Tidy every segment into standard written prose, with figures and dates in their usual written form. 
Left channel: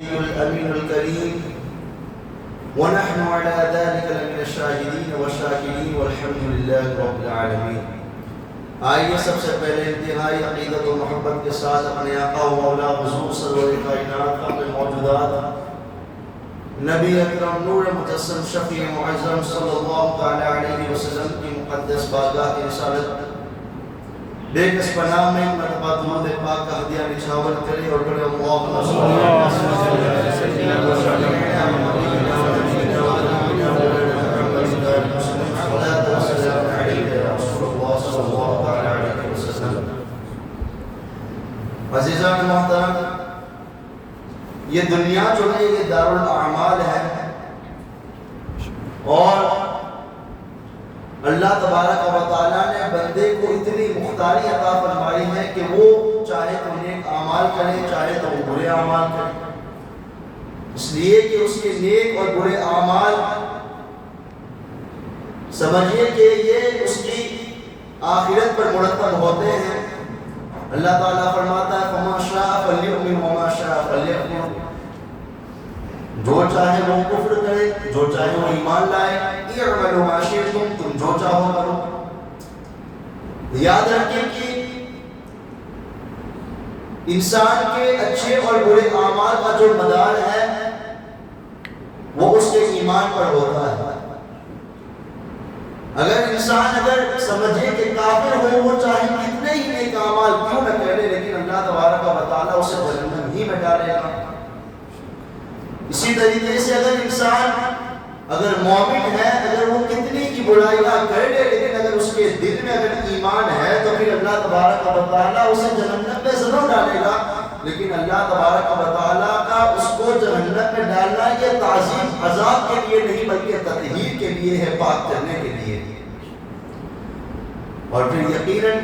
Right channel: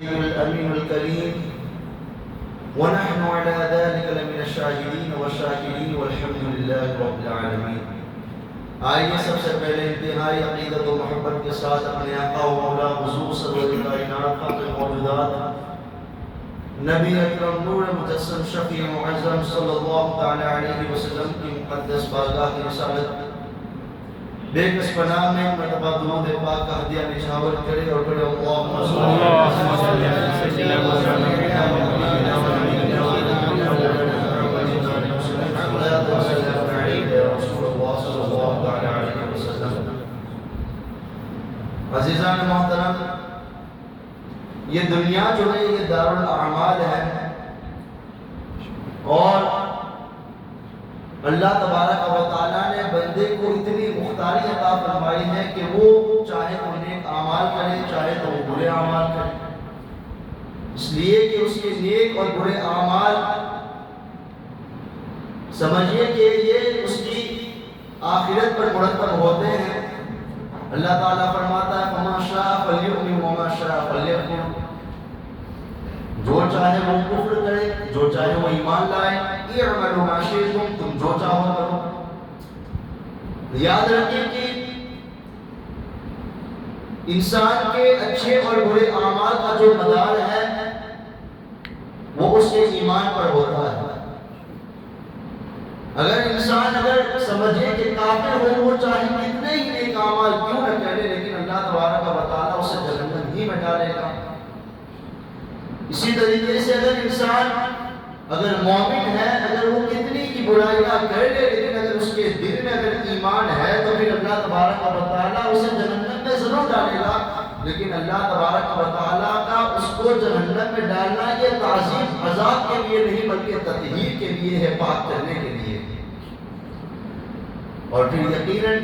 الأمين الكريم ونحن على ذلك لمن الشاهدين والشاكرين والحمد لله رب العالمین۔ آئیے سب سے پہلے انتہائی عقیدت و محبت کے ساتھ اپنے آقا و مولا حضور سرور کائنات خاتم موجودات نبی اکرم نور مجسم شفیع معظم صلی اللہ تعالی علیہ وسلم کی مقدس بارگاہ کی رسالت بے کس پناہ میں مرتبہ درود پاک کا ہدیہ نچھاور کرے اور بڑے اللہم صلی عزیزان محترم، یہ دنیا جو ہے یہ دارالاعمال ہے اور اللہ تبارک و تعالیٰ نے بندے کو اتنی مختاری عطا فرمائی ہے کہ وہ چاہے تو نیک اعمال کرے چاہے تو برے اعمال کرے، اس لیے کہ اس کے نیک اور برے اعمال سمجھیے کہ یہ اس کی آخرت پر مرتب ہوتے ہیں۔ اللہ تعالیٰ فرماتا ہے فَمَن شَاءَ فَلْيُؤْمِنْ وَمَن شَاءَ فَلْيَكْفُرْ، جو چاہے وہ کفر کرے جو چاہے وہ ایمان لائے، اعملوا ما شئتم، تم جو چاہو کرو۔ یاد رکھیں کہ انسان کے اچھے اور برے اعمال کا جو مدار ہے وہ اس کے ایمان پر ہوتا ہے۔ اگر انسان سمجھے کہ کافر ہو وہ چاہے کتنے ہی نیک اعمال کیوں نہ کرے لیکن اللہ تبارک و تعالیٰ اسے جہنم ہی میں ڈالے گا۔ اسی طریقے سے اگر مومن ہے، اگر وہ کتنی کی برائیاں کر لے لیکن اگر اس کے دل میں اگر ایمان ہے تو پھر اللہ تبارک و تعالیٰ اسے جہنم میں ضرور ڈالے گا، لیکن اللہ تبارک و تعالیٰ کا اس کو جہنم میں ڈالنا یہ تعظیم عذاب کے لیے نہیں بلکہ تطہیر کے لیے ہے، پاک کرنے کے لیے۔ اور پھر یقیناً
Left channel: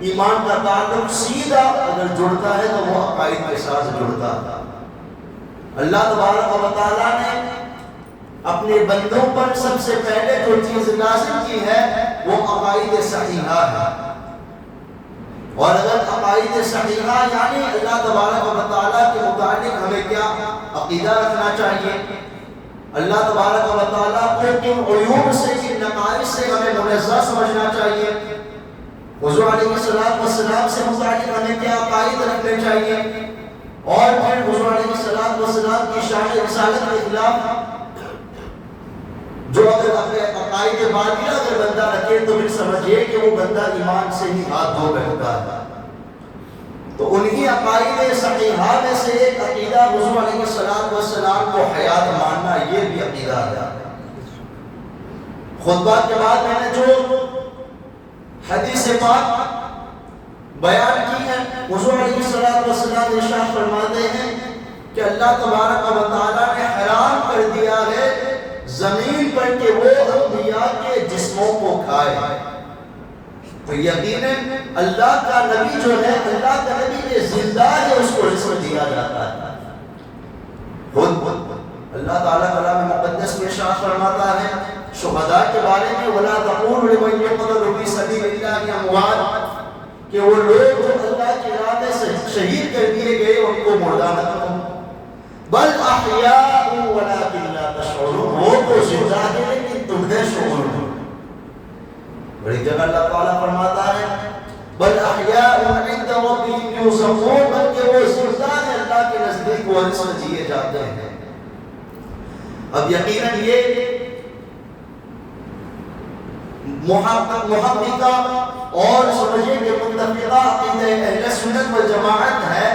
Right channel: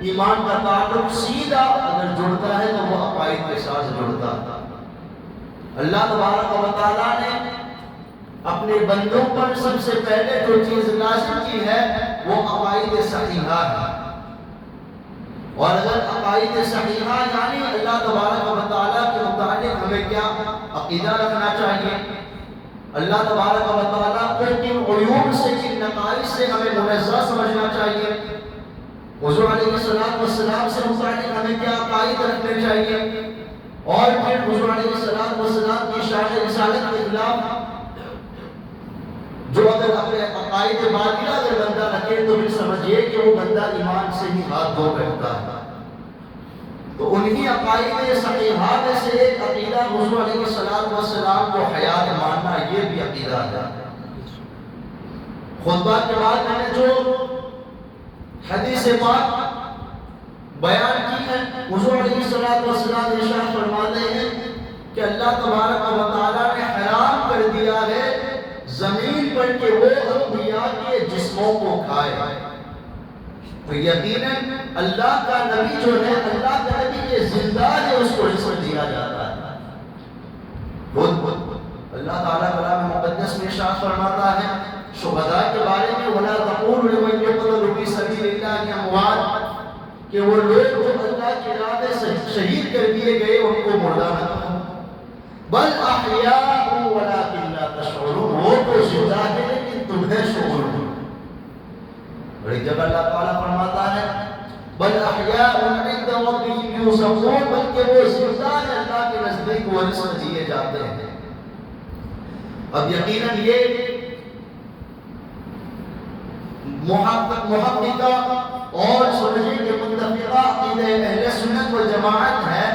ایمان کا تعلق سیدھا اگر جڑتا ہے تو وہ عقائد کے ساتھ جڑتا ہے۔ اللہ تبارک و تعالیٰ نے اپنے بندوں پر سب سے پہلے جو چیز لازم کی ہے وہ عقائد صحیحہ ہے، اور اگر عقائد صحیحہ یعنی اللہ تبارک و تعالیٰ کے متعلق ہمیں کیا عقیدہ رکھنا چاہیے، اللہ تبارک و تعالیٰ کو کن عیوب سے کن نقائص سے ہمیں منزہ سمجھنا چاہیے، حضور علیہ السلام سے متعلق ہمیں کیا عقائد رکھنے چاہیے، اور پھر حضور علیہ السلام کی شان رسالت کے خلاف جو اگر اپنے عقائد باطلہ اگر بندہ رکھے تو پھر سمجھیے کہ وہ بندہ ایمان سے ہی ہاتھ دھو بیٹھتا ہے۔ تو انہی عقائد صحیحہ میں سے ایک عقیدہ حضور علیہ السلام کو حیات ماننا، یہ بھی عقیدہ ہے۔ خطبہ کے بعد میں نے جو حدیث پاک بیان کی ہے، حضور علیہ السلام ارشاد فرماتے ہیں کہ اللہ تبارک و تعالیٰ نے حرام کر دیا ہے زمین پر کہ وہ انبیاء کے جسموں کو کھائے۔ تو یقیناً اللہ کا نبی جو ہے، اللہ کا نبی یہ زندہ ہے، اس کو جسم دیا جاتا ہے۔ اللہ تعالیٰ کلام مقدس میں ارشاد فرماتا ہے شہداء کے بارے میں وَلَا تَقُولُوا لِمَن يُقْتَلُ فِي سَبِيلِ اللَّهِ أَمْوَاتٌ، کہ وہ لوگ جو اللہ کے ارادے سے شہید کر دیے گئے ان کو مردہ نہ کہو، بل احیاء ولکن لا تشعرون، وہ تو زندہ ہے لیکن تمہیں شعور نہیں۔ اور ایک جگہ اللہ تعالیٰ فرماتا ہے بل احیاء عند ربهم یرزقون، بلکہ وہ زندہ ہے، اللہ کے نزدیک وہ رزق دیے جاتے ہیں۔ اب یقیناً یہ محققہ اور سمجھے کہ متفقہ عقیدہ اہل سنت والجماعت ہے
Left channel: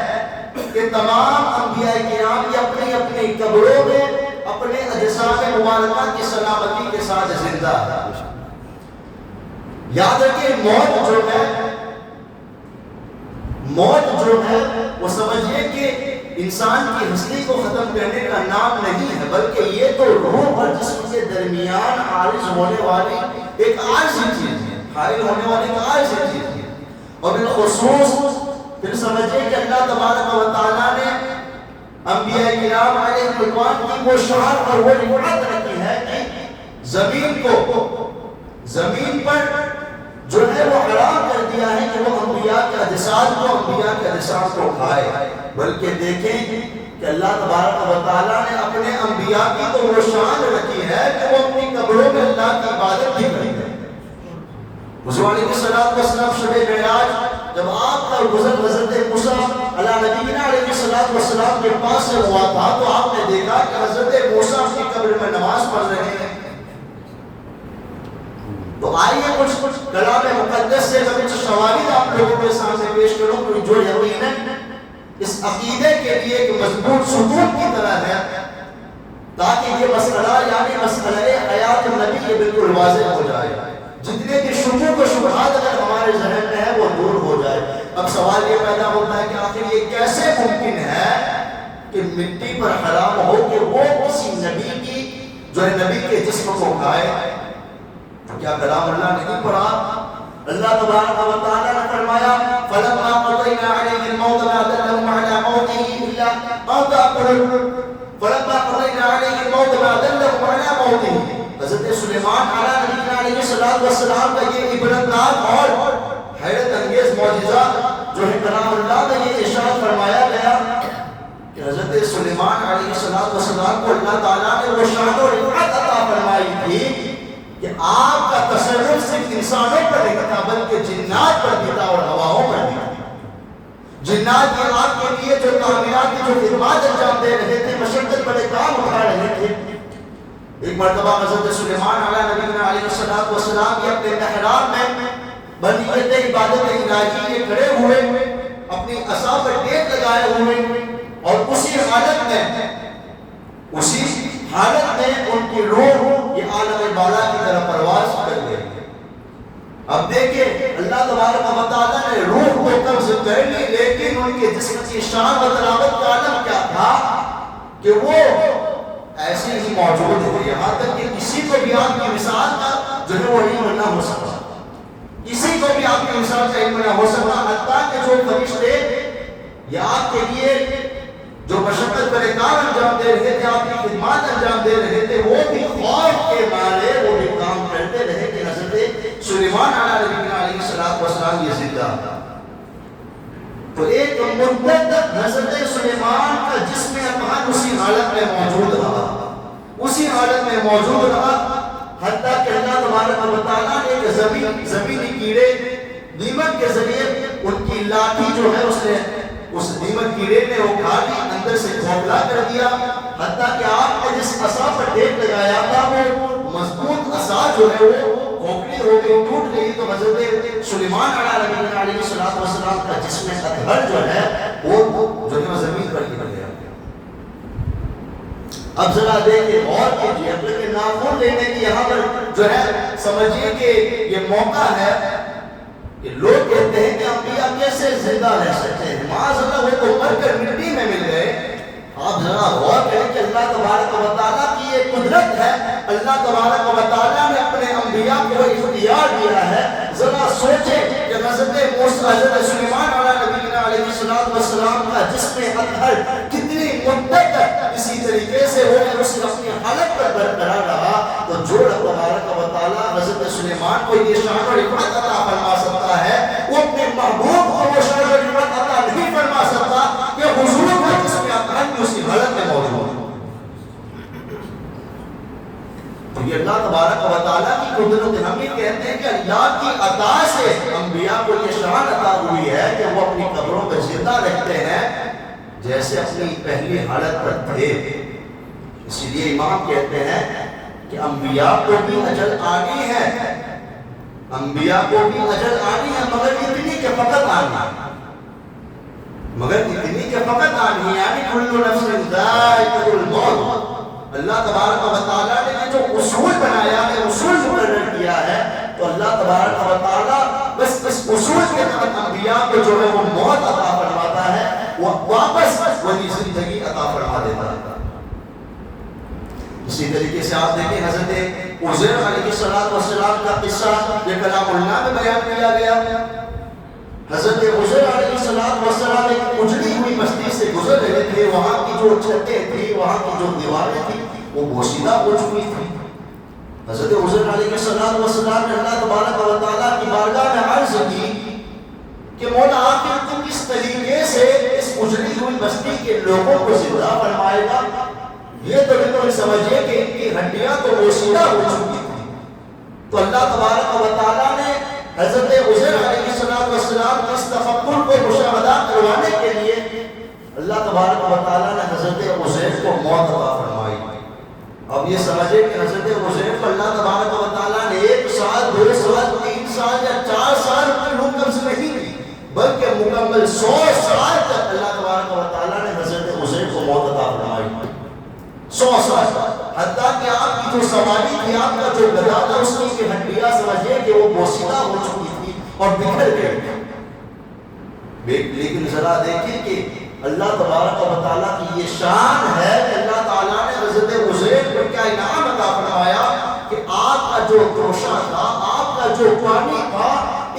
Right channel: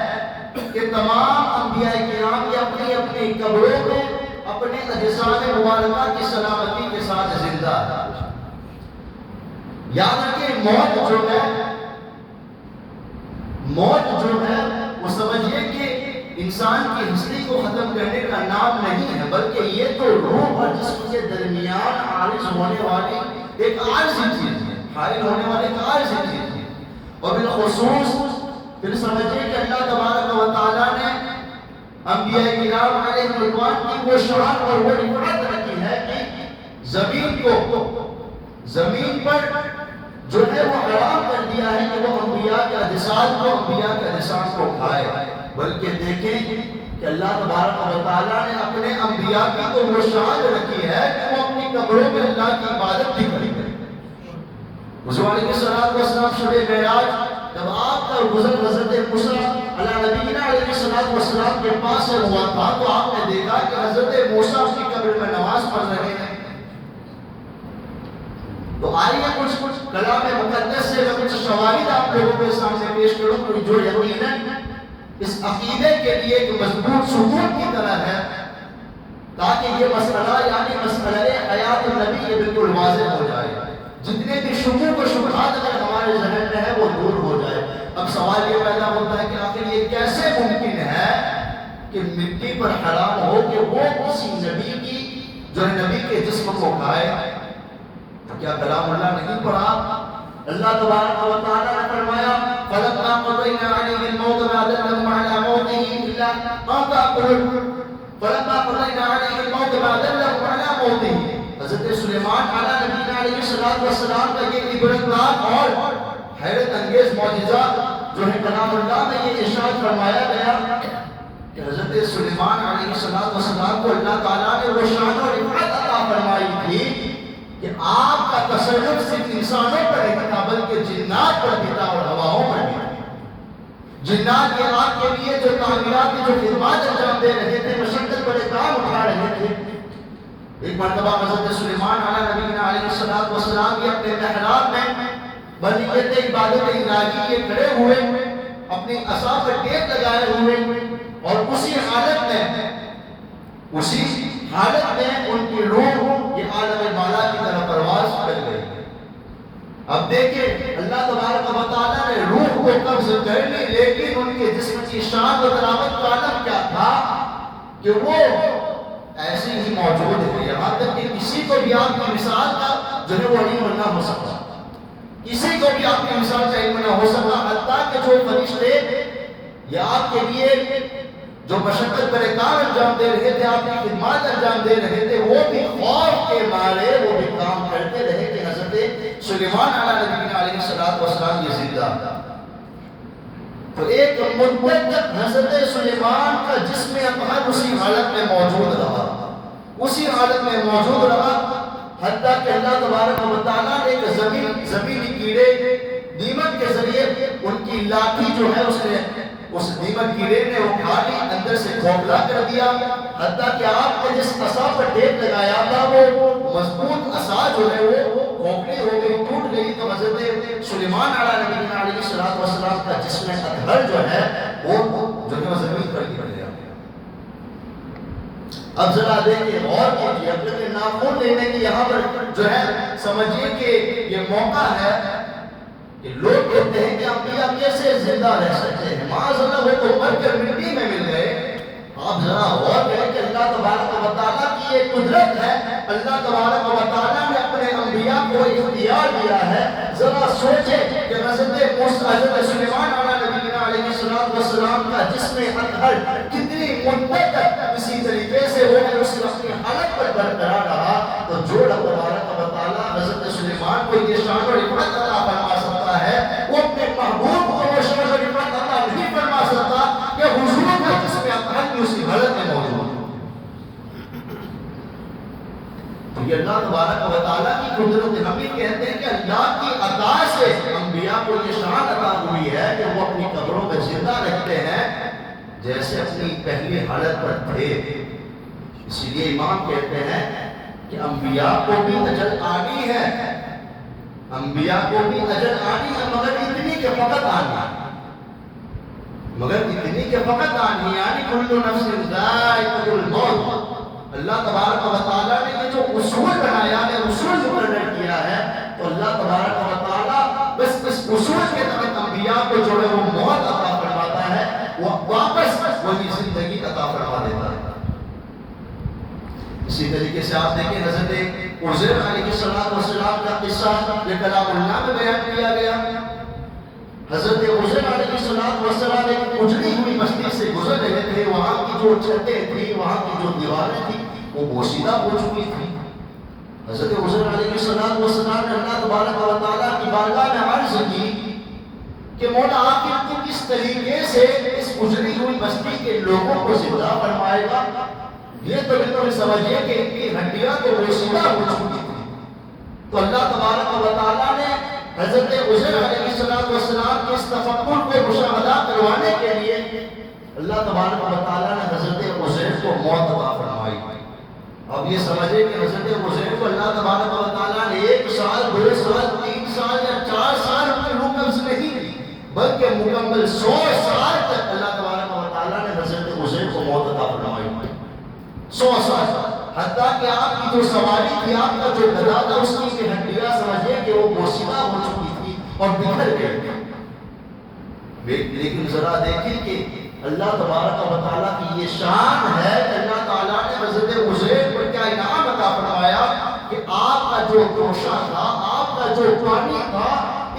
کہ تمام انبیاء کرام یہ اپنی اپنی قبروں میں اپنے اجسام مبارکہ کی سلامتی کے ساتھ زندہ ہے۔ یاد رکھیں موت جو ہے وہ سمجھیے کہ انسان کی ہستی کو ختم کرنے کا نام نہیں ہے، بلکہ یہ تو روح اور جسم کے درمیان عارض ہونے والی ایک عارضی چیز ہے، حائل ہونے والی ایک عارضی چیز ہے۔ اور بالخصوص پھر سمجھے کہ اللہ تبارک و تعالیٰ نے انبیاء کرام علیہ الرضوان کی وہ شان اور وہ رفعت رکھی ہے کہ زمین پر جو ہے وہ حرام کر دیا ہے کہ وہ انبیاء کے اجساد کو کھائے، بلکہ دیکھیں کہ اللہ تبارک و تعالیٰ نے اپنے انبیاء کی تو وہ شان رکھی ہے کہ وہ اپنی قبروں میں اللہ کی عبادت بھی کریں گے۔ حضور علیہ السلام شب معراج جب آپ کا گزر حضرت موسیٰ علیہ نبینا علیہ السلام کے پاس سے ہوا تھا تو آپ نے دیکھا کہ حضرت موسیٰ اپنی قبر میں نماز پڑھ رہے ہیں۔ تو آئیے کچھ کلام مقدس سے کچھ شواہد آپ لوگوں کے سامنے پیش کروں جو یقیناً اس عقیدے کے لیے ایک مضبوط ثبوت کی طرح ہے، تاکہ یہ مسئلہ یعنی مسئلہ حیات النبی یہ بالکل واضح ہو جائے، جتنے بھی شکوک و شبہات اگر ہمارے ذہن میں ہے وہ دور ہو جائے۔ اب سوال یہ پیدا ہوتا ہے کہ آخر یہ کیسے ممکن ہے کہ مٹی پر حرام ہو کہ وہ کسی نبی کی جو ہے نبی کے جسم کو کھائے؟ کیا کلام اللہ نہیں پڑھا؟ اللہ تبارک و تعالیٰ نے فرمایا فَلَمَّا قَضَيْنَا عَلَيْهِ الْمَوْتَ مَا دَلَّهُمْ عَلَى مَوْتِهِ إِلَّا أَن تَأْكُلُوا فَلَمَّا قَضَيْنَا عَلَيْهِ الْمَوْتَ مَا دَلَّهُمْ عَلَى مَوْتِهِ۔ حضرت سلیمان علیہ نبینا علیہ السلام کا یہ عبرتناک اور حیرت انگیز معجزہ جو ہے کلام اللہ میں یہ ارشاد فرمایا گیا کہ حضرت سلیمان علیہ السلام کو اللہ تعالیٰ نے وہ شان اور عبرت عطا فرمائی تھی کہ آپ کا تصرف صرف انسانوں پر نہیں تھا بلکہ جنات پر بھی تھا اور ہواؤں پر بھی تھا۔ جنات یہ آپ کے لیے جو تعمیرات کی جو خدمات انجام دے رہے تھے، مشقت بڑے کام اٹھا رہے تھے۔ ایک مرتبہ حضرت سلیمان علیہ نبینا علیہ السلام کے اپنے محراب میں بنیت عبادت الہی یہ کھڑے ہوئے، اپنی عصا پر ٹیک لگائے ہوئے، اور اسی حالت میں ان کی روح یہ عالم بالا کی طرف پرواز کر گئی۔ اب دیکھیں اللہ تبارک و تعالیٰ نے روح کو قبض کر لی، لیکن ان کے جسم کی شان و طراوت کا عالم کیا تھا کہ وہ ایسے ہی موجود ہے، یہاں تک کہ کسی کو بھی آپ کی مثال کا جو ہے وہ علم نہ ہو سکتا، کسی کو بھی آپ کی مثال کا علم نہ ہو سکتا، حتیٰ کہ جو فرشتے یہ آپ کے لیے جو مشقت پر کام انجام دے رہے تھے، آپ کی خدمات انجام دے رہے تھے، وہ بھی خوف کے مارے وہ بھی کام کرتے رہے کہ حضرت سلیمان علیہ نبینا علیہ السلام یہ زندہ تھا۔ تو ایک مدت تک حضرت سلیمان کا جسم اطہر اسی حالت میں موجود رہا، حتیٰ کہ اللہ تبارک و تعالیٰ نے زمینی کیڑے دیمک کے ذریعے ان کی لاٹھی جو ہے اس دیمک کیڑے نے وہ کھا لی، اندر سے کھوکھلا کر دیا، حتیٰ کہ آپ نے جس عصا پر ٹیک لگایا تھا وہ مضبوط عصا جو ہے وہ کھوکھلی ہو گئی، ٹوٹ گئی۔ تو حضرت سلیمان علیہ نبینا علیہ السلام کا جسم اطہر جو ہے وہ زمین پر گر گیا۔ اب ذرا دیکھیں غور کیجیے، اپنے ناخن لینے کی یہاں پر جو ہے سمجھیے کہ یہ موقع ہے کہ لوگ کہتے ہیں کہ انبیاء کیسے زندہ رہ سکتے ہیں، معاذ اللہ وہ تو مر کر مٹی میں مل گئے۔ آپ ذرا غور کریں کہ اللہ تبارک و تعالیٰ کی یہ قدرت ہے، اللہ تبارک و تعالیٰ نے اپنے انبیاء کو اختیار دیا ہے۔ ذرا سوچیں کہ حضرت سلیمان علیہ نبینا علیہ السلام کا جسم اطہر کتنی مدت تک اسی طریقے سے ہو کہ اس نے اپنی حالت پر برقرار رہا۔ تو جو رب تبارک و تعالیٰ حضرت سلیمان کو یہ شان اور عبرت عطا فرما سکتا ہے، وہ اپنے محبوب کو وہ شان اور عبرت عطا نہیں فرما سکتا کہ حضور کا جسم اطہر کی اسی حالت میں موجود ہے۔ تو یہ اللہ تبارک و تعالیٰ کی قدرت، ہم یہ کہتے ہیں کہ اللہ کی عطا سے انبیاء کو یہ شان عطا ہوئی ہے کہ وہ اپنی قبروں میں زندہ رہتے ہیں جیسے اپنی پہلی حالت پر تھے۔ اسی لیے امام کہتے ہیں کہ انبیاء کو بھی اجل آنی ہے، انبیاء کو بھی اجل آنی ہے، مگر اتنی کہ فقط آنی یعنی کل نفس ذائقۃ الموت۔ اللہ تبارک و تعالیٰ نے یہ جو اصول بنایا ہے، اصول مقرر کیا ہے، تو اللہ تبارک و تعالیٰ بس اس اصول کے تحت انبیاء کو جو ہے وہ موت عطا فرماتا ہے، وہ واپس وہی زندگی عطا فرما دیتا ہے۔ اسی طریقے سے آپ دیکھیں حضرت عزیر علیہ السلام کا قصہ یہ کلام اللہ میں بیان کیا گیا۔ حضرت عزیر علیہ السلام ایک اجڑی ہوئی بستی سے گزر رہے تھے، وہاں کی جو چھتیں تھیں، وہاں کی جو دیواریں تھیں وہ بوسیدہ ہو چکی تھی۔ حضرت عزیر علیہ السلام نے اللہ تبارک و تعالیٰ کی بارگاہ میں عرض کی کہ مولا آخر تو کس طریقے سے اس اجڑی ہوئی بستی کے لوگوں کو زندہ فرمائے گا؟ یہ تو بالکل سمجھیے کہ ان کی ہڈیاں تو بوسیدہ ہو چکی تھی. تو اللہ تبارک و تعالیٰ نے حضرت عزیر علیہ السلام کے اس تفکر کو مشاہدہ کروانے کے لیے اللہ تبارک و تعالیٰ نے حضرت عزیر کو موت عطا فرمائی. اب یہ سمجھے کہ حضرت عزیر کو اللہ تبارک و تعالیٰ نے 1 سال 2 سال 3 سال یا 4 سال پر روح قبض نہیں دی، بلکہ مکمل 100 سال تک اللہ تبارک و تعالیٰ نے حضرت عزیر کو موت عطا فرمائی. 100 سال حتیٰ کہ آپ کی جو سواری تھی، آپ کا جو گدا تھا، اس کی ہڈیاں سمجھے کہ وہ بوسیدہ ہو چکی تھی اور بکھر گئی. لیکن ذرا دیکھیں کہ اللہ تبارک و تعالیٰ کی یہ شان ہے کہ اللہ تعالیٰ نے حضرت عزیر پر کیا انعام عطا فرمایا کہ آپ کا جو توشہ تھا، آپ کا جو پانی تھا،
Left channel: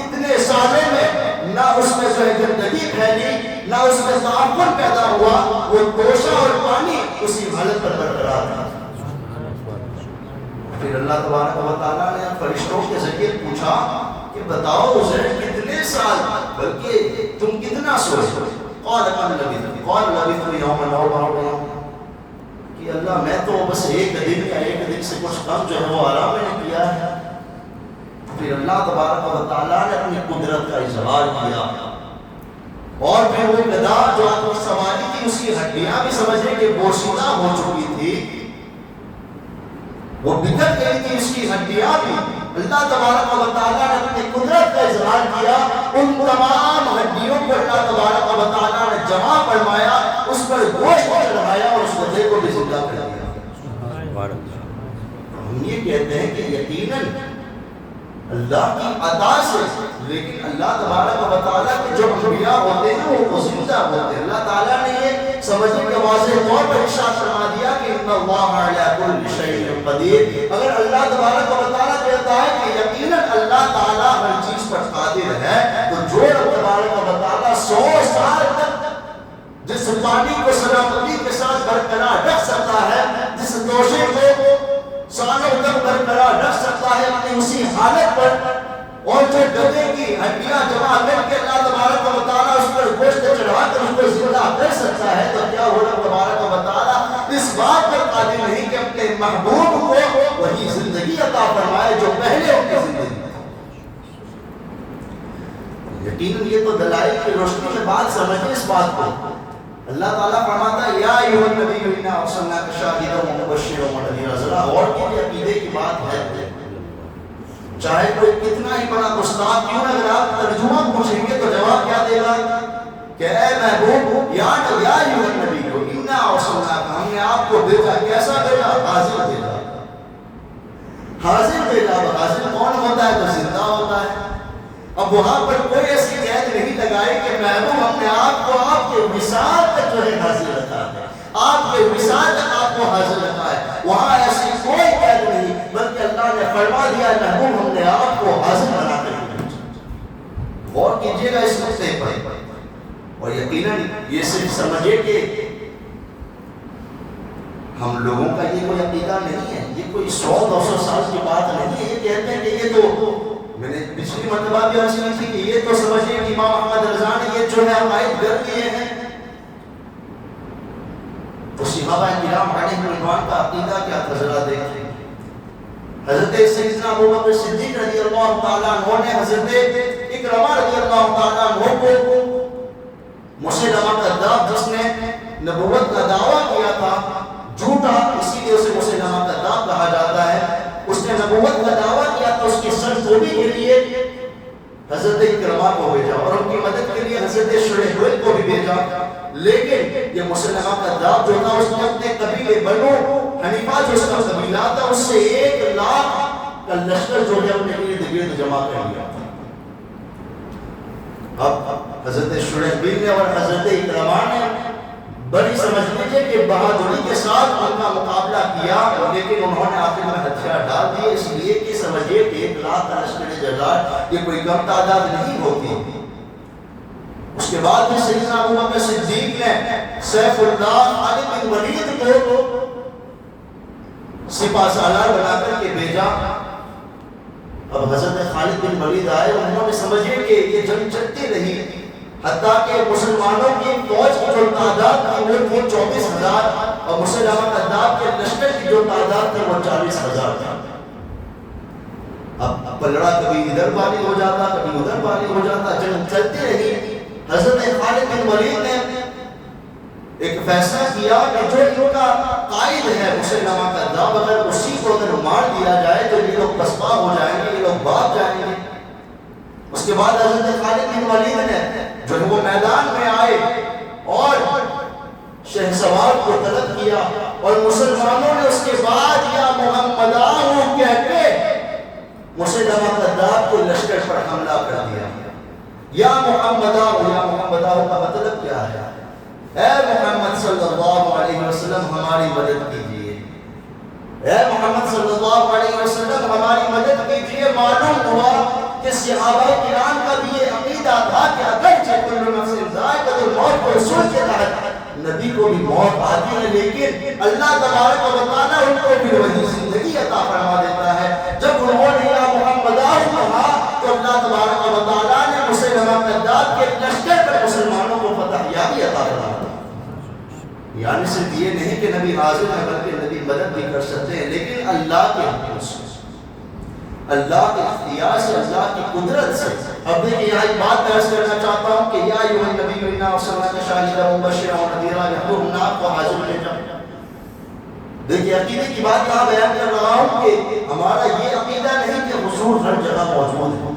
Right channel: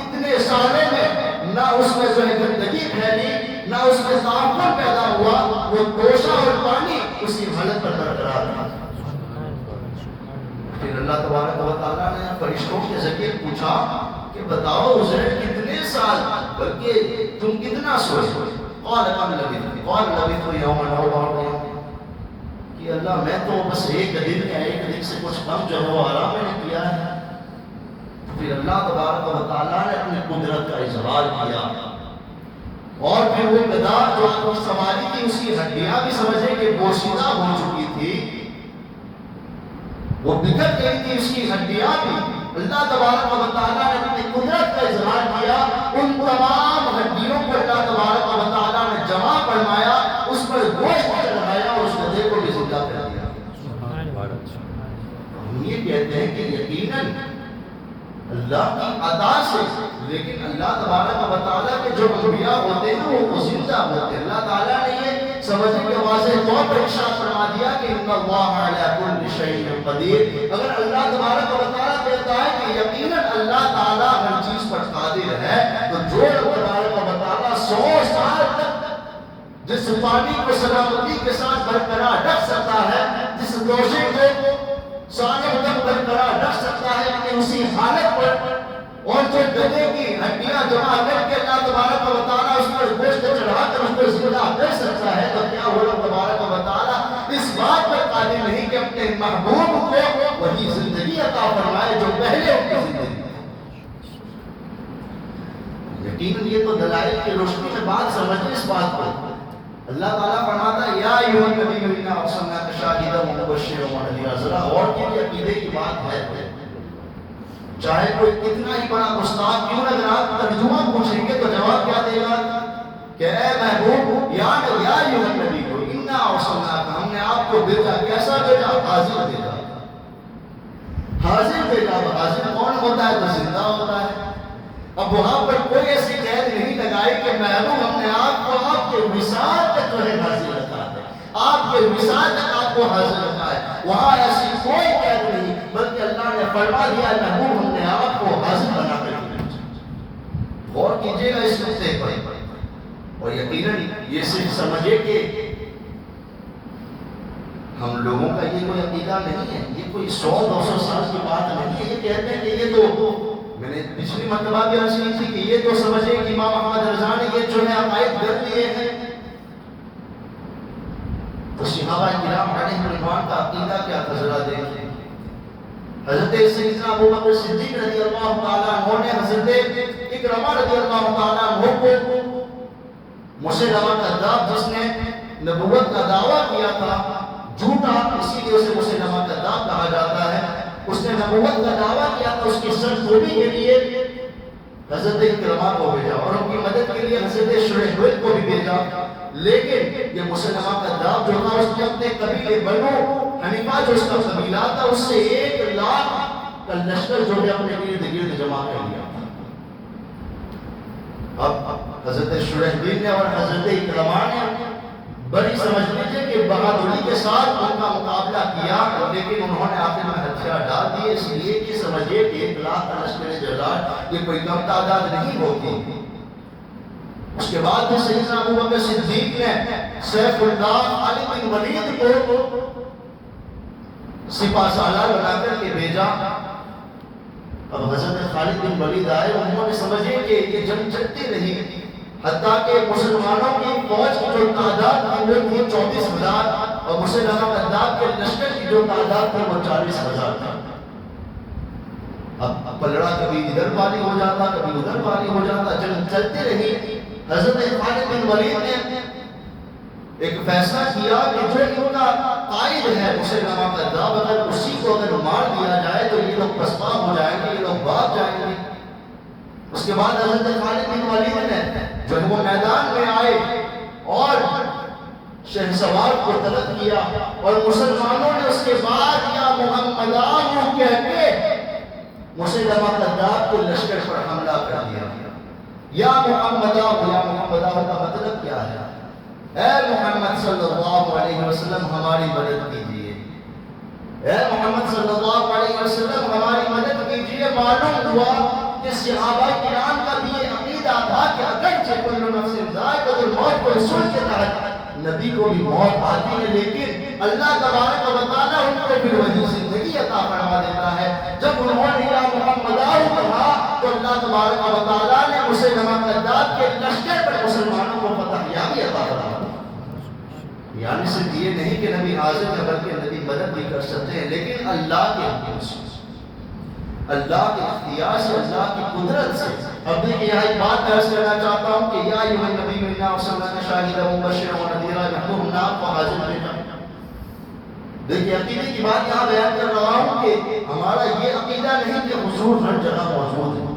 اتنے سالے میں نہ اس میں جو ہے گندگی پھیلی، نہ اس میں تعفن پیدا ہوا. وہ توشہ اور پانی اسی حالت پر برقرار تھا. پھر اللہ تبارک و تعالیٰ نے فرشتوں کے ذریعے پوچھا کہ بتاؤ عزیر کتنے سال، بلکہ تم کتنا سوئے؟ قال لبثت یوما او بعض یوم، کہ اللہ میں تو بس ایک دن یا ایک دن سے کچھ کم جو ہے وہ آرام میں نے کیا ہے. پھر اللہ تبارک و تعالیٰ نے اپنی قدرت کا اظہار کیا اور پھر وہ گدا جو آپ کی سواری تھی، اس کی ہڈیاں بھی سمجھے کہ بوسیدہ ہو چکی تھی، وہ بکھر گئی تھی اس کی ہڈیاں بھی. اللہ تبارک و تعالیٰ نے اپنی قدرت کا اظہار کیا، ان تمام ہڈیوں پر اللہ تبارک و تعالیٰ نے جمع فرمایا، اس پر گوشت چڑھایا اور اس گدھے کو بھی زندہ کر دیا. ہم یہ کہتے ہیں کہ یقیناً اللہ کی عطا سے، لیکن اللہ تبارک و تعالیٰ کے جو انبیاء ہوتے ہیں وہ زندہ ہوتے ہیں. اللہ تعالیٰ نے یہ سمجھے کہ واضح طور پر ارشاد فرما دیا کہ ان اللہ علی کل شیء قدیر. اگر اللہ تبارک و تعالیٰ کہتا ہے کہ یقیناً اللہ تعالیٰ ہر چیز پر قادر ہے، تو جو رب تبارک و تعالیٰ 100 سال تک جس پانی کو سلامتی کے ساتھ برقرار رکھ سکتا ہے، جس توشے کو سالوں تک برقرار رکھ سکتا ہے اپنی اسی حالت پر، اور جو گدھے کی ہڈیاں جمع کر کے اللہ تبارک و تعالیٰ اس پر گوشت چڑھا کر اس کو زندہ کر سکتا ہے، تو کیا وہ رب تبارک و تعالیٰ اس بات پر قادر نہیں کہ اپنے محبوب کو وہی زندگی عطا فرمائے جو پہلے ان کی زندگی تھی. یقیناً یہ تو دلائل کی روشنی میں بات سمجھیں اس بات کو. اللہ تعالیٰ فرماتا ہے یا ایھا النبی انا ارسلناک شاہدا ومبشرا ونذیرا. ذرا اور کی عقیدے کی بات ہے، چاہے کوئی کتنا ہی بڑا استاد کیوں، اگر آپ ترجمہ پوچھیں گے تو جواب کیا دے گا کہ اے محبوب یا ایھا النبی انا ارسلناک، ہم نے آپ کو بھیجا. کیسا بھیجا؟ حاضر بھیجا. حاضر بھیجا. حاضر کون ہوتا ہے؟ جو زندہ ہوتا ہے. اب وہاں پر کوئی ایسی قید نہیں لگائی کہ محبوب ہم نے آپ کو آپ کے وصال تک جو ہے حاضر رکھا ہے، آپ کے وصال تک آپ کو حاضر رکھا ہے. وہاں ایسی کوئی قید نہیں، بلکہ اللہ نے فرما دیا محبوب ہم نے آپ کو حاضر بنا کر دیا. غور کیجیے گا اس نقطے پر. اور یقیناً یہ صرف سمجھے کہ ہم لوگوں کا یہ کوئی عقیدہ نہیں ہے، یہ کوئی 100-200 سال کی بات نہیں ہے. یہ کہتے ہیں کہ یہ تو میں نے پچھلی مرتبہ بھی عرض کی تھی کہ یہ تو سمجھے کہ امام احمد رضا نے یہ جو ہے عقائد کر دیے ہیں. تو صحابہ کرام علیہم رضوان کا عقیدہ کیا تھا ذرا دیکھیں. حضرت سیدنا ابوبکر صدیق رضی اللہ تعالیٰ عنہ نے حضرت اکرمہ رضی اللہ تعالیٰ عنہ کو مسلمہ کذاب، جس نے نبوت کا دعویٰ کیا تھا جھوٹا، اسی لیے اسے مسلمہ کذاب کہا جاتا ہے، اس نے نبوت کا دعویٰ کیا تو اس کی سرزنشی کے لیے حضرت اکرمہ کو بھیجا اور ان کی مدد کے لیے حضرت شریح کو بھی بھیجا. لیکن یہ مسلمہ کذاب جو تھا اس نے اپنے قبیلے بنو حنیفہ جو اس کا قبیلہ تھا اس سے 1 لاکھ کا لشکر جو ہے اپنے ارد گرد جمع کر لیا. اب حضرت شریح نے اور حضرت اکرمہ نے بڑی سمجھ لیجیے کہ بہادری کے ساتھ ان کا مقابلہ کیا، لیکن انہوں نے آخر میں ہتھیار ڈال دیے، اس لیے کہ سمجھیے کہ 1 لاکھ کا لشکر جلال یہ کوئی کم تعداد نہیں ہوتی. اس کے بعد بھی سیدنا ابوبکر صدیق نے سیف اللہ خالد بن ولید کو سپہ سالار بنا کر کے بھیجا. اب حضرت خالد بن ولید آئے، انہوں نے سمجھے کہ یہ جنگ چلتی رہی، حتیٰ کہ مسلمانوں کی فوج کی جو تعداد تھی وہ تھی 34,000 اور مسلمہ کذاب کے لشکر کی جو تعداد تھی وہ 40,000 تھی۔ اب پلڑا کبھی ادھر باری ہو جاتا، کبھی ادھر باری ہو جاتا، جنگ چلتی رہی۔ حضرت خالد بن ولید نے ایک فیصلہ کیا کہ جو ان کا قائد ہے مسلمہ کذاب، اگر اسی کو اگر مار دیا جائے تو یہ لوگ پسپا ہو جائیں گے، یہ لوگ بھاگ جائیں گے۔ اس کے بعد حضرت خالد بن ولید نے جو وہ میدان میں آئے اور شہسوار کو طلب کیا، اور مسلمانوں نے اس کے بعد یا محمدہ کہہ کے مسلمہ کذاب کے لشکر پر حملہ کر دیا۔ یا محمدہ کا مطلب کیا ہے؟ اے محمد صلی اللہ علیہ وسلم ہماری مدد کیجئے، اے محمد صلی اللہ علیہ وسلم ہماری مدد کیجئے۔ معلوم ہوا کہ صحابہ کرام کا بھی یہ عقیدہ تھا کہ اگرچہ کل نفس ذائقۃ الموت کو اصول کے تحت نبی کو بھی موت آتی ہے، لیکن اللہ تبارک و تعالیٰ ان کو بھی وہی زندگی عطا فرما دیتا ہے۔ جب انہوں نے یا محمدہ کہا تو اللہ تبارک و تعالیٰ نے مسلمہ کذاب کے لشکر پر مسلمانوں کو فتح یابی عطا فرما۔ یعنی صرف یہ نہیں کہ نبی حاضر ہے بلکہ نبی مدد بھی کر سکتے ہیں، لیکن اللہ کے حکم سے، اللہ کے اختیار سے، اللہ کی قدرت سے۔ اب دیکھیں یہاں ایک بات درس کرنا چاہتا ہوں کہ یا ایھا النبی انا ارسلناک شاہدا ومبشرا ونذیرا یحضر الناس کو حاضر لے جاؤ۔ دیکھیں عقیدے کی بات یہاں بیان کر رہا ہوں کہ ہمارا یہ عقیدہ نہیں کہ حضور ہر جگہ موجود ہے،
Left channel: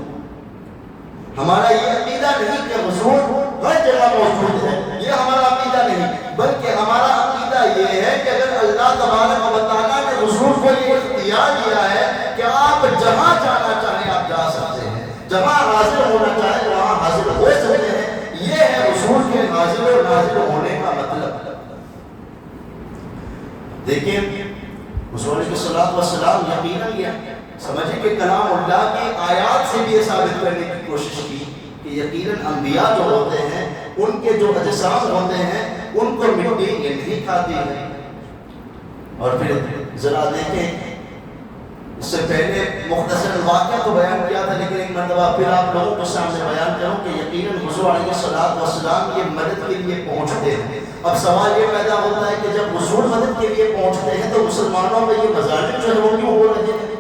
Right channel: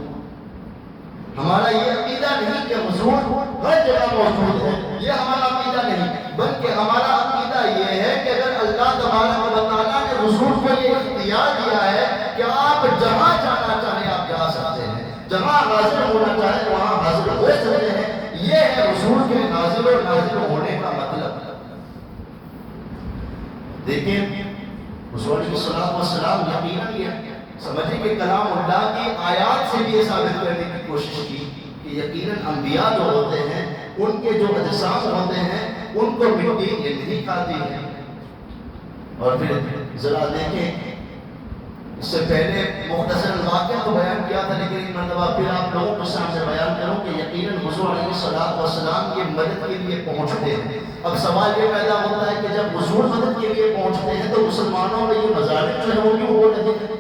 ہمارا یہ عقیدہ نہیں کہ حضور ہر جگہ موجود ہے، یہ ہمارا عقیدہ نہیں، بلکہ ہمارا عقیدہ یہ ہے کہ اگر اللہ تبارک و تعالیٰ نے حضور کو یہ اختیار دیا ہے کہ آپ جہاں جانا چاہیں آپ جا سکتے ہیں، جہاں حاضر ہونا چاہیں وہاں حاضر ہو سکتے ہیں، یہ ہے حضور کے حاضر و ناظر ہونے کا مطلب۔ دیکھیں حضور علیہ الصلوۃ والسلام یقیناً یہ سمجھیں کہ کلام اللہ کی آیات سے بھی یہ ثابت کرنے کی کوشش کی کہ یقیناً انبیاء جو ہوتے ہیں ان کے جو اجسام ہوتے ہیں ان کو مٹی یہ نہیں کھاتی ہے۔ اور پھر ذرا دیکھیں، اس سے پہلے مختصر واقعہ تو بیان کیا تھا، لیکن ایک مرتبہ پھر آپ لوگوں کے سامنے بیان کروں کہ یقیناً حضور علیہ الصلوۃ والسلام یہ مدد کے لیے پہنچتے ہیں۔ اب سوال یہ پیدا ہوتا ہے کہ جب حضور مدد کے لیے پہنچتے ہیں تو مسلمانوں میں یہ مظالم جو ہے وہ کیوں ہو رہے ہیں؟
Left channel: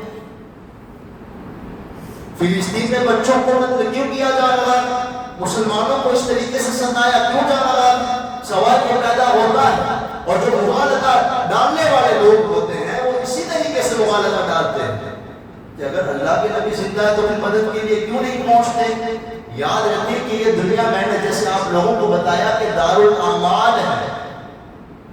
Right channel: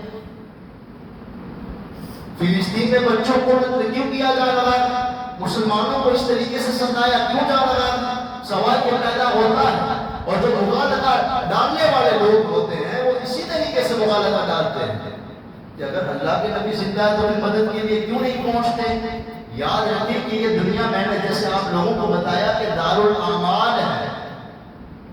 فلسطین میں بچوں کو قتل کیوں کیا جا رہا ہے؟ مسلمانوں کو اس طریقے سے ستایا کیوں جا رہا ہے؟ سوال یہ پیدا ہوتا ہے، اور جو مغالطہ ڈالنے والے لوگ ہوتے ہیں وہ اسی طریقے سے مغالطہ ڈالتے ہیں کہ اگر اللہ کے نبی زندہ ہے تو ان مدد کے لیے کیوں نہیں پہنچتے؟ یاد رکھیں کہ یہ دنیا میں نے جیسے آپ لوگوں کو بتایا کہ دارالاعمال ہے،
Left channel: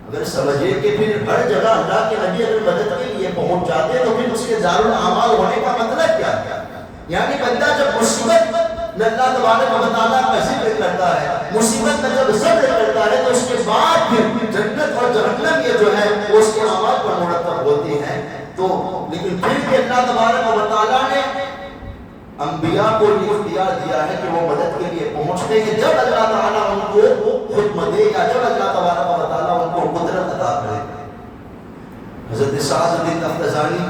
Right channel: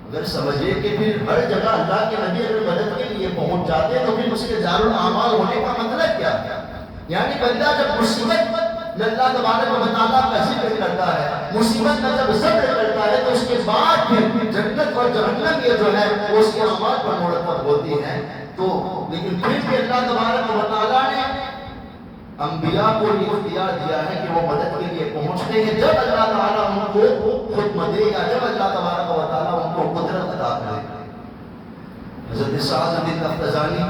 اگر سمجھے کہ پھر ہر جگہ اللہ کے نبی اگر مدد کے لیے پہنچ جاتے تو پھر اس کے دارالاعمال ہونے کا مطلب کیا ہے؟ یعنی بندہ جب مصیبت میں اللہ تبارک و تعالیٰ کا ذکر کرتا ہے، مصیبت میں جب صبر کرتا ہے تو اس کے بعد پھر جنت اور جہنم یہ جو ہے وہ اس کے اعمال پر مرتب ہوتی ہیں۔ تو لیکن پھر بھی اللہ تبارک و تعالیٰ نے انبیاء کو یہ اختیار دیا ہے کہ وہ مدد کے لیے پہنچتے ہیں جب اللہ تعالیٰ ان کو حکم دے یا جب اللہ تبارک و تعالیٰ ان کو قدرت عطا کرے۔ حضرت سعد بن تفتزانی،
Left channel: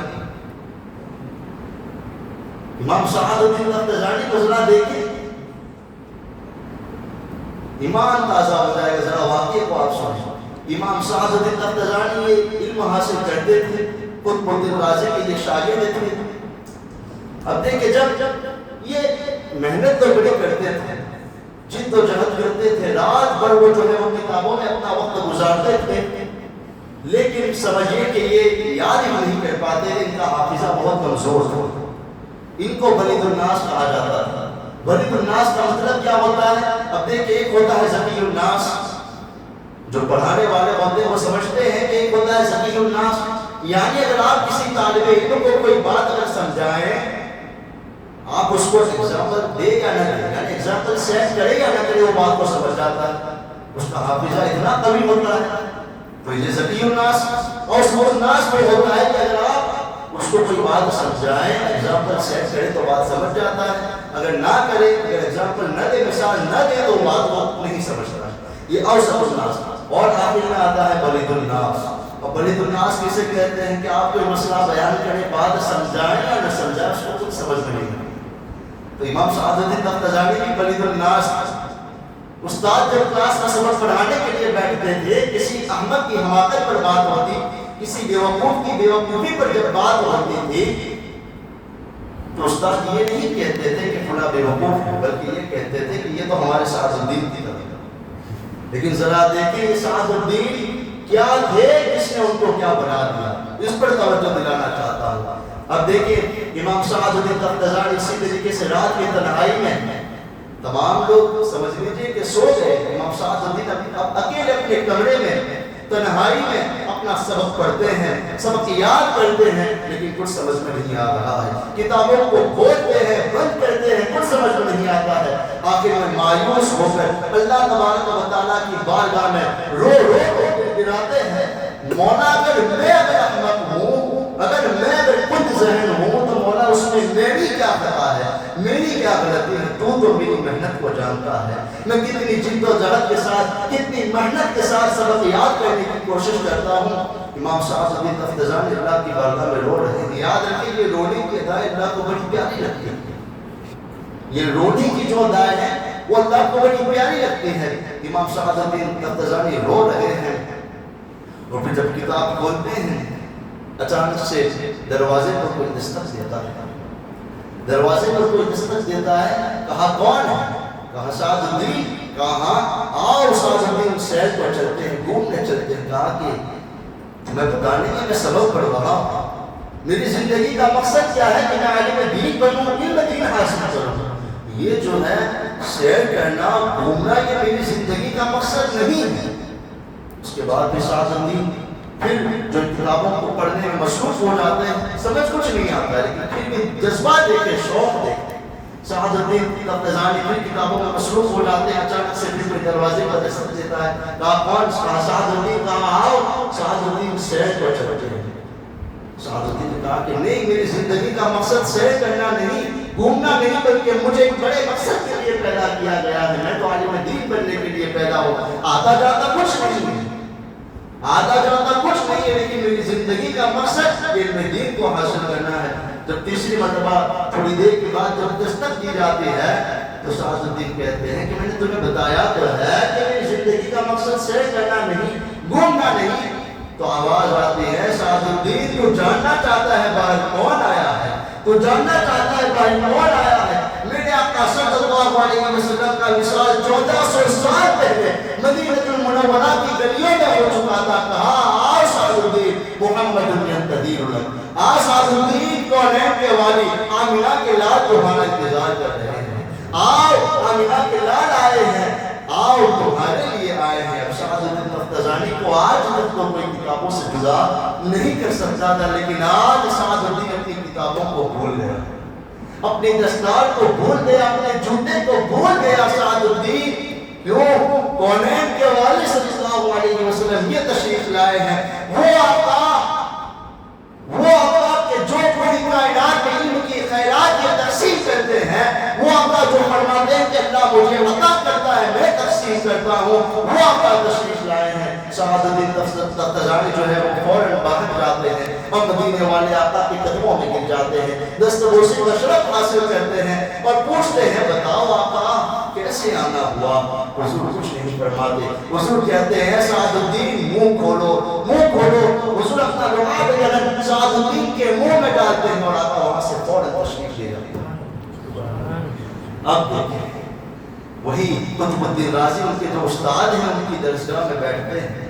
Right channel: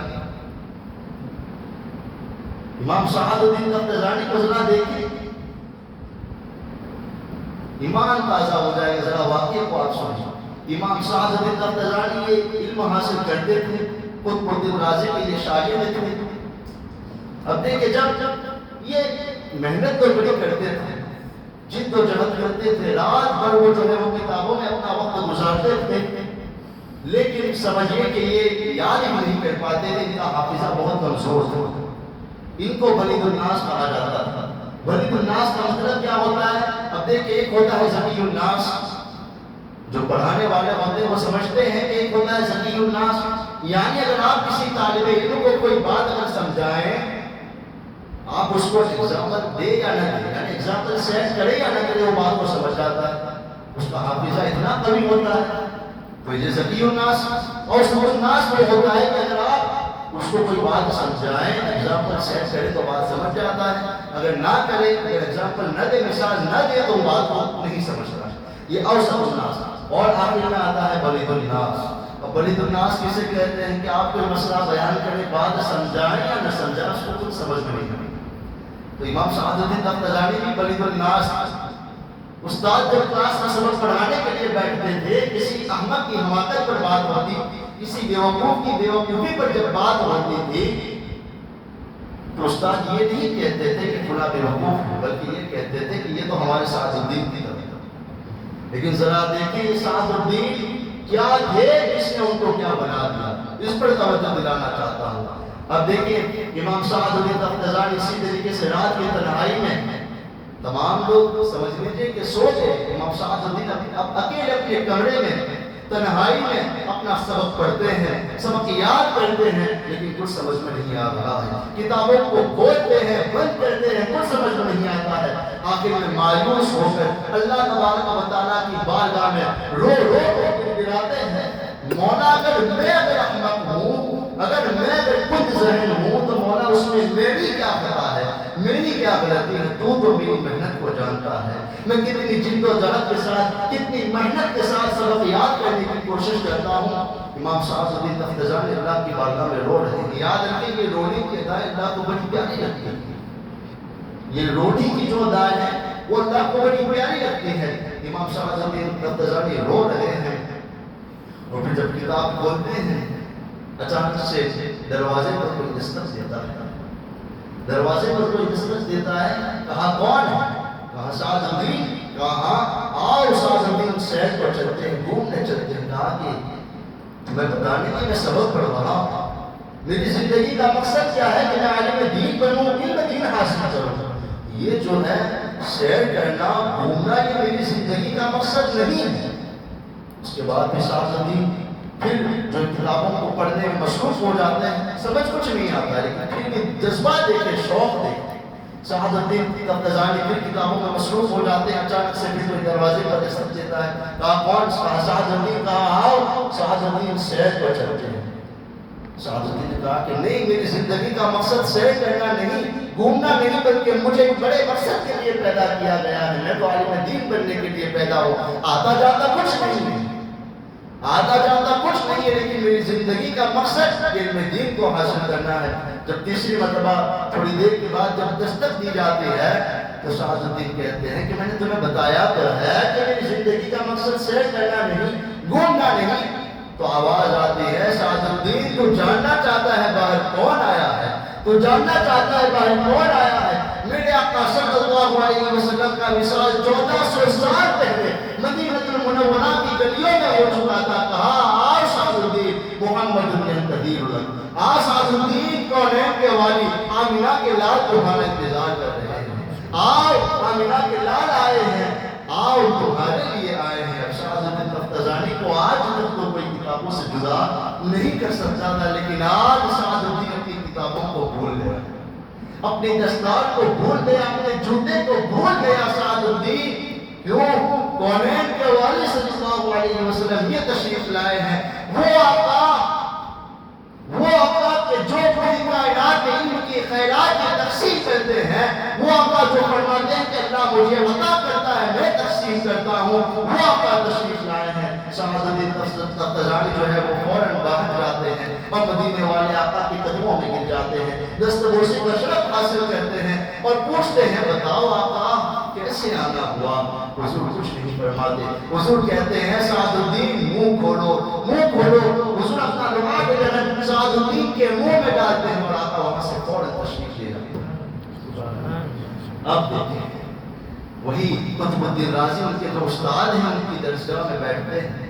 امام سعد بن تفتزانی کو ذرا دیکھیں، ایمان تازہ ہو جائے گا، ذرا واقعے کو آپ سنیں۔ امام سعد بن تفتزانی یہ علم حاصل کرتے تھے، قطب الدین رازی کے یہ شاگرد تھے۔ اب دیکھیں جب یہ محنت تو بڑی کرتے تھے، جد و جہد کرتے تھے، رات بھر وہ جو ہے وہ کتابوں میں اپنا وقت گزارتے تھے، لیکن سمجھیے کہ یہ یاد ہی نہیں کر پاتے، ان کا حافظہ بہت کمزور تھا۔ ان کو بلید الناس کہا جاتا تھا۔ بلید الناس کا مطلب کیا ہوتا ہے؟ اب دیکھیں ایک ہوتا ہے ذکی الناس، جو پڑھانے والے ہوتے ہیں وہ سمجھتے ہیں کہ ایک ہوتا ہے ذکی الناس، یعنی اگر آپ کسی طالب علم کو کوئی بات اگر سمجھائیں، آپ اس کو ایگزامپل دے یا نہ دے، یعنی ایگزامپل سیٹ کرے یا نہ کرے وہ بات کو سمجھ جاتا ہے، اس کا حافظہ اتنا قوی ہوتا ہے۔ تو یہ ذکی الناس، اور اس الناس میں ہوتا ہے کہ اگر آپ اس کو کوئی بات سمجھائیں، ایگزامپل سیٹ کرے تو بات سمجھ جاتا ہے، اگر نہ کرے، اگر ایگزامپل نہ دے، مثال نہ دے تو بات کو نہیں سمجھتا۔ یہ اوسط الناس، اور آخر میں آتا ہے بلید الناس۔ اب ولید الناس کسے کہتے ہیں کہ آپ کوئی مسئلہ بیان کریں بعد سمجھائیں یا نہ سمجھائیں اس کو کچھ سمجھ میں نہیں آئی۔ تو امام سعد الدین تفتزانی بھی ولید الناس، استاد جب کلاس کا سبق پڑھانے کے لیے بیٹھتے تھے، کسی احمق کی حماقت پر بات ہوتی، کسی بیوقوف کی بیوقوفی پر جب بات ہوتی تھی تو استاد یہ نہیں کہتے تھے کہ فلاں بیوقوف ہے، بلکہ یہ کہتے تھے کہ یہ تو ہمارے سعد الدین کی طرح۔ لیکن ذرا دیکھیں یہ سعد الدین کیا تھے جس نے ان کو کیا بنا دیا، اس پر توجہ دلانا چاہتا ہوں۔ اب دیکھیں امام سعد الدین تفتزانی اسی طریقے سے رات کی تنہائی میں تمام لوگ سمجھ لیجیے کہ سو گئے، امام سعد الدین اب اکیلے اپنے کمرے میں تنہائی میں اپنا سبق پڑھتے ہیں، سبق یاد کرتے ہیں، لیکن کچھ سمجھ میں نہیں آ رہا ہے، کتابوں کو کھولتے ہیں، بند کرتے ہیں، کچھ سمجھ میں نہیں آتا ہے۔ آخر میں مایوس ہو کر اللہ تبارک و تعالیٰ کی بارگاہ میں رو رو کر گراتے ہیں، مولا اگر میں احمق ہوں، اگر میں خود ذہین ہوں تو مولا اس میں میری کیا خطا ہے، میری کیا غلطی ہے، تو میری محنت کو جانتا ہے، میں کتنی جد و جہد کے ساتھ، کتنی محنت کے ساتھ سبق یاد کرنے کی کوشش کرتا ہوں۔ امام سعد الدین تفتزانی اللہ کی بارگاہ میں رو رہے ہیں۔ یاد رکھیں یہ رونے کی ادائیں اللہ کو بڑی پیاری لگتی ہے، یہ رونے کی جو ادائیں ہیں وہ اللہ کو بڑی پیاری لگتی ہے۔ امام سعد الدین تفتزانی رو رہے ہیں اور پھر جب کتاب کھولتے ہیں اچانک سے دروازے پر کوئی دستک دیتا ہے، دروازے پر کوئی دستک دیتا ہے، کہا کون ہے؟ کہا سعد الدین۔ کہا آؤ سعد الدین سیر پر چلتے ہیں، گھومنے چلتے ہیں۔ کہا کہ میں بتانے کی میں سبق پڑھ رہا ہوں، میری زندگی کا مقصد کیا ہے کہ میں عالم دین بنوں، علم دین حاصل کروں، یہ جو ہے سیر کرنا گھومنا یہ میری زندگی کا مقصد نہیں ہے۔ اس کے بعد بھی سعد الدین پھر جو کتابوں کو پڑھنے میں مصروف ہو جاتے ہیں، سمجھ کچھ نہیں آتا ہے، لیکن پھر بھی جذبہ دیکھتے، شوق دیکھتے۔ سعد الدین تفتزانی پھر کتابوں میں مصروف ہو جاتے ہیں، اچانک سے پھر کوئی دروازے پر دستک دیتا ہے، کہا کون؟ سعد الدین۔ کہا آؤ سعد الدین سیر پر چلتے ہیں۔ سعد الدین نے کہا کہ نہیں، میری زندگی کا مقصد سیر کرنا نہیں، گھومنا نہیں، بلکہ مجھے ایک بڑے مقصد کے لیے پیدا کیا گیا ہے، میں تو عالم دین بننے کے لیے پیدا ہوں، آتا جاتا کچھ نہیں ہے، آتا جاتا کچھ نہیں ہے، لیکن میری زندگی کا مقصد علم دین کو حاصل کرنا ہے۔ جب تیسری مرتبہ تھوڑی دیر کے بعد جب دستک دی جاتی ہے تو سعد الدین کہتے ہیں کہ میں نے تمہیں بتایا تو ہے کہ میری زندگی کا مقصد سیر کرنا نہیں، گھومنا نہیں۔ تو آواز آتی ہے سعد الدین تو جاننا چاہتا ہے باہر کون آیا ہے، تو جاننا چاہتا ہے باہر کون آیا ہے؟ میرے آقا صلی اللہ علیہ وسلم کا وصال 1400 سال پہلے مدینہ المنورہ کی گلیوں میں ہو چکا تھا۔ کہا آ سعد الدین محمد ینتظر لک، آ سعد الدین کونین کے والی آمینہ کے لال تمہارا انتظار کر رہے ہیں، آؤ آمینہ کے لال آئے ہیں، آؤ تمہارے لیے آئے ہیں۔ اب سعد الدین تفتزانی کو آج تک تو کوئی کتابوں سے جدا نہیں کر سکتا تھا، لیکن آج سعد الدین اپنی کتابوں کو بھول گیا، اپنی دستار کو بھول گیا، اپنے جوتے کو بھول گیا سعد الدین۔ کیوں؟ کونین کے والد صلی اللہ علیہ وسلم یہ تشریف لائے ہیں، وہ آقا کہ جو پوری کائنات میں علم کی خیرات کی تقسیم کرتے ہیں، وہ آقا جو فرماتے ہیں کہ اللہ مجھے عطا کرتا ہے میں تقسیم کرتا ہوں، وہ آقا تشریف لائے ہیں۔ سعد الدین تفتزانی جو ہے وہ فوراً باہر جاتے ہیں اور مدینے والے آقا کے قدموں میں گر جاتے ہیں، دستبوسی کا شرف حاصل کرتے ہیں اور پوچھتے ہیں بتاؤ آقا کیسے آنا ہوا؟ حضور کچھ نہیں فرماتے، حضور کہتے ہیں سعد الدین منہ کھولو، منہ کھولو۔ حضور اپنا لباس بدل سعد الدین کے منہ میں ڈالتے ہیں اور آقا وہاں سے فوراً تشریف لے جاتے ہیں۔ اب دیکھیں وہی قطب الدین رازی ان کے جو استاد ہیں ان کی درسگاہ میں بیٹھتے ہیں،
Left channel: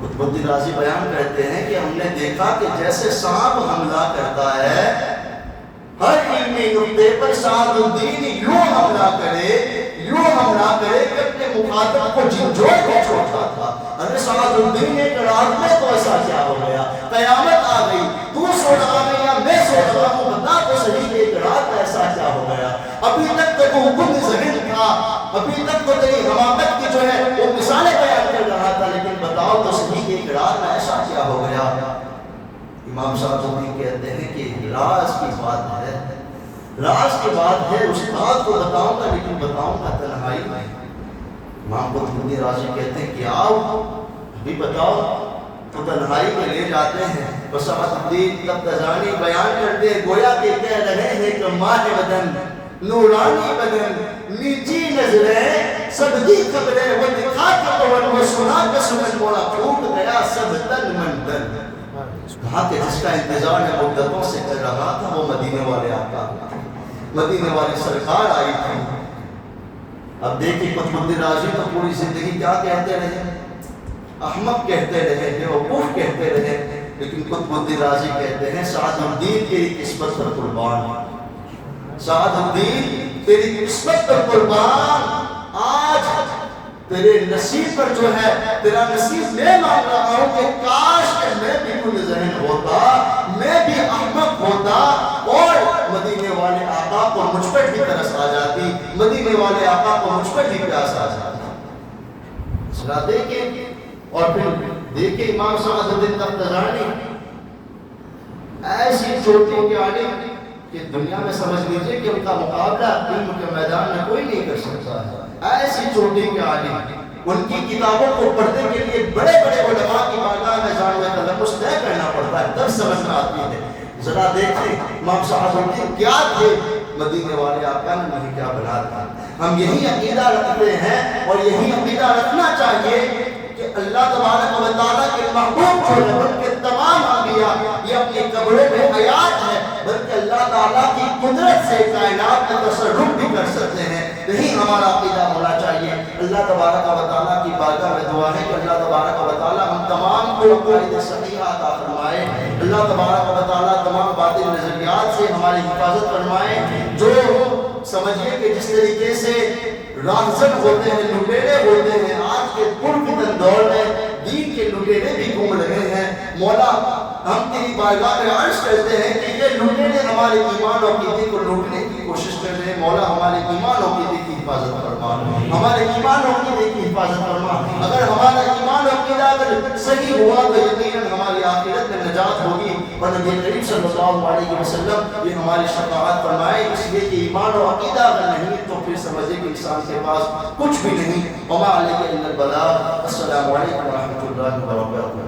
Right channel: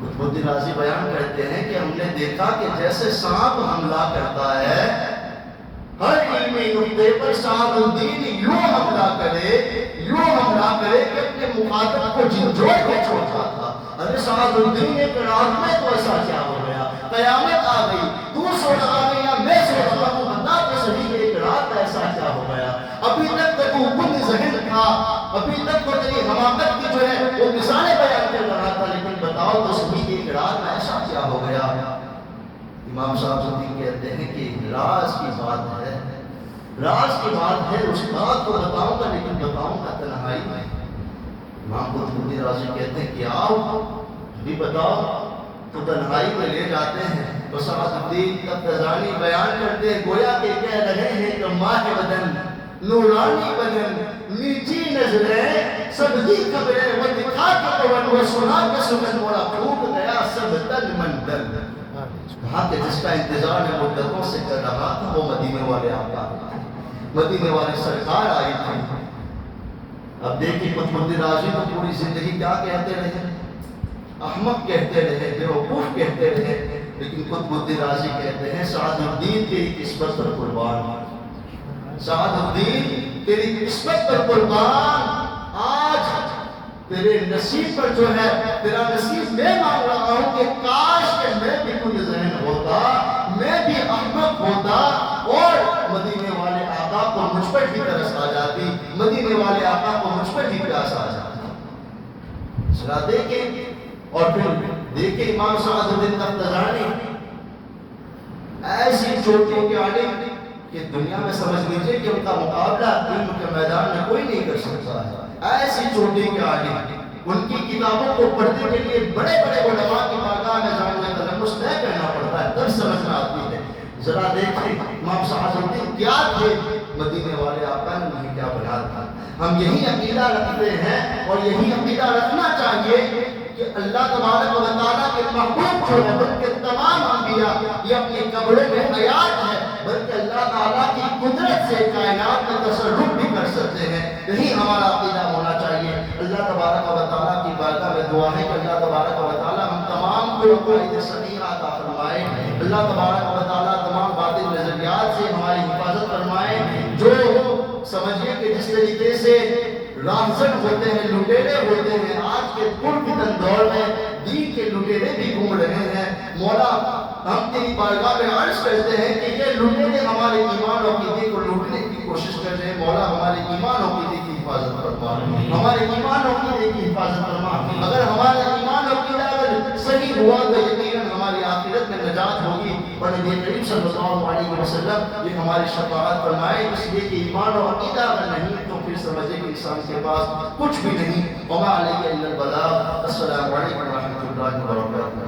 قطب الدین رازی بیان کرتے ہیں کہ ہم نے دیکھا کہ جیسے سانپ حملہ کرتا ہے، ہر علمی نقطے پر سعد الدین یوں حملہ کرے کہ اپنے مخاطب کو جھنجھوڑ کے چھوڑتا تھا۔ ارے سعد الدین ایک رات میں تو ایسا کیا ہو گیا؟ قیامت آ گئی، تو سو رہا ہے یا میں سو رہا ہوں، بتا تو صحیح کہ ایک رات ایسا کیا ہو گیا؟ ابھی تک تو خود ذہن تھا، ابھی تک تو تیری حماقت کی جو ہے وہ مثالیں بیان کر رہا تھا، لیکن بتاؤ تو صحیح کہ ایک رات میں ایسا کیا ہو گیا؟ امام صاحب الدین کہتے ہیں کہ راز کی بات ہے، راز کی بات ہے، استاد کو بتاؤں گا لیکن بتاؤں گا تنہائی میں۔ امام قطب الدین رازی کہتے ہیں کہ آؤ ابھی بتاؤ۔ تو تنہائی میں لے جاتے ہیں. تو سعد الدین تفتزانی بیان کرتے ہیں گویا کہ کہہ رہے ہیں کہ ماہ بدن نورانی بدن میٹھی نظریں سب دی خبریں وہ دکھا کے قول وہ سنا کے سنن مولا پھوٹ گیا سب تن من تن. کہا کہ جس کا انتظار ہے مدتوں سے کر رہا تھا وہ مدینے والے آقا مدینے والی سرکار آئی تھی. اب دیکھیں قطب الدین رازی تو پوری زندگی کیا کہتے رہے, احمق کہتے رہے, بیوقوف کہتے رہے, لیکن قطب الدین رازی کہتے ہیں سعد الدین تیری قسمت پر قربان, سعد الدین تیری قسمت پر قربان. آج تیرے نصیب پر جو ہے تیرا نصیب میں مانگ رہا ہوں کہ کاش کہ میں بھی کل ذہن ہوتا, میں بھی احمق ہوتا اور مدینے والے آقا کو مجھ پر بھی ترس آ جاتی, مدینے والے آقا کو مجھ پر بھی پیاس آ جاتی. ذرا دیکھیں اور پھر دیکھیں امام سعد الدین تفتزانی ایسی چوٹیوں کے عالم کہ دنیا میں سمجھ لیجئے کہ ان کا مقابلہ علم کے میدان میں کوئی نہیں کر سکتا ہے. ایسی چوٹی کے عالم, ان کی کتابوں کو پڑھنے کے لیے بڑے بڑے علماء کی بارگاہ میں جانے کا تلفظ طے کرنا پڑتا ہے, تب سمجھ میں آتی ہے. ذرا دیکھیں امام سعد الدین کیا تھے, مدینے والے آقا نے نہیں کیا بنا تھا. ہم یہی عقیدہ رکھتے ہیں اور یہی عقیدہ رکھنا چاہیے کہ اللہ تبارک و تعالیٰ کے محبوب جو ہے بلکہ تمام انبیاء یہ اپنی قبروں میں حیات ہے, بلکہ اللہ تعالیٰ کی قدرت سے کائنات میں تصرف بھی کر سکتے ہیں. یہی ہمارا عقیدہ ہونا چاہیے. اللہ تبارک و تعالیٰ کی بارگاہ میں دعا ہے کہ اللہ تبارک و تعالیٰ ہم تمام کو عقائد صحیحہ عطا فرمائے. اللہ تبارک و تعالیٰ تمام باطل نظریات سے ہماری حفاظت فرمائے. جو سمجھیے کہ جس طریقے سے راہزن ہوتے ہیں, لٹیرے ہوتے ہیں, آج کے پرفتن دور میں دین کے لٹیرے بھی گھوم رہے ہیں. مولا ہم تیری بارگاہ میں عرض کرتے ہیں کہ یہ لٹیرے ہمارے ایمان اور عقیدے کو لوٹنے کی کوشش کر رہے ہیں. مولا ہمارے ایمان اور عقیدے کی حفاظت فرما, ہمارے ایمان اور عقیدے کی حفاظت فرما. اگر ہمارا ایمان اور عقیدہ اگر صحیح ہوا تو یقیناً ہماری آخرت میں نجات ہوگی. اور نبی کریم صلی اللہ علیہ وسلم یہ ہماری شفاعت فرمائے, اس لیے کہ ایمان اور عقیدہ اگر نہیں تو پھر سمجھے کہ انسان کے پاس کچھ بھی نہیں. وما علیہ الا البلاغ. السلام علیکم ورحمۃ اللہ وبرکاتہ.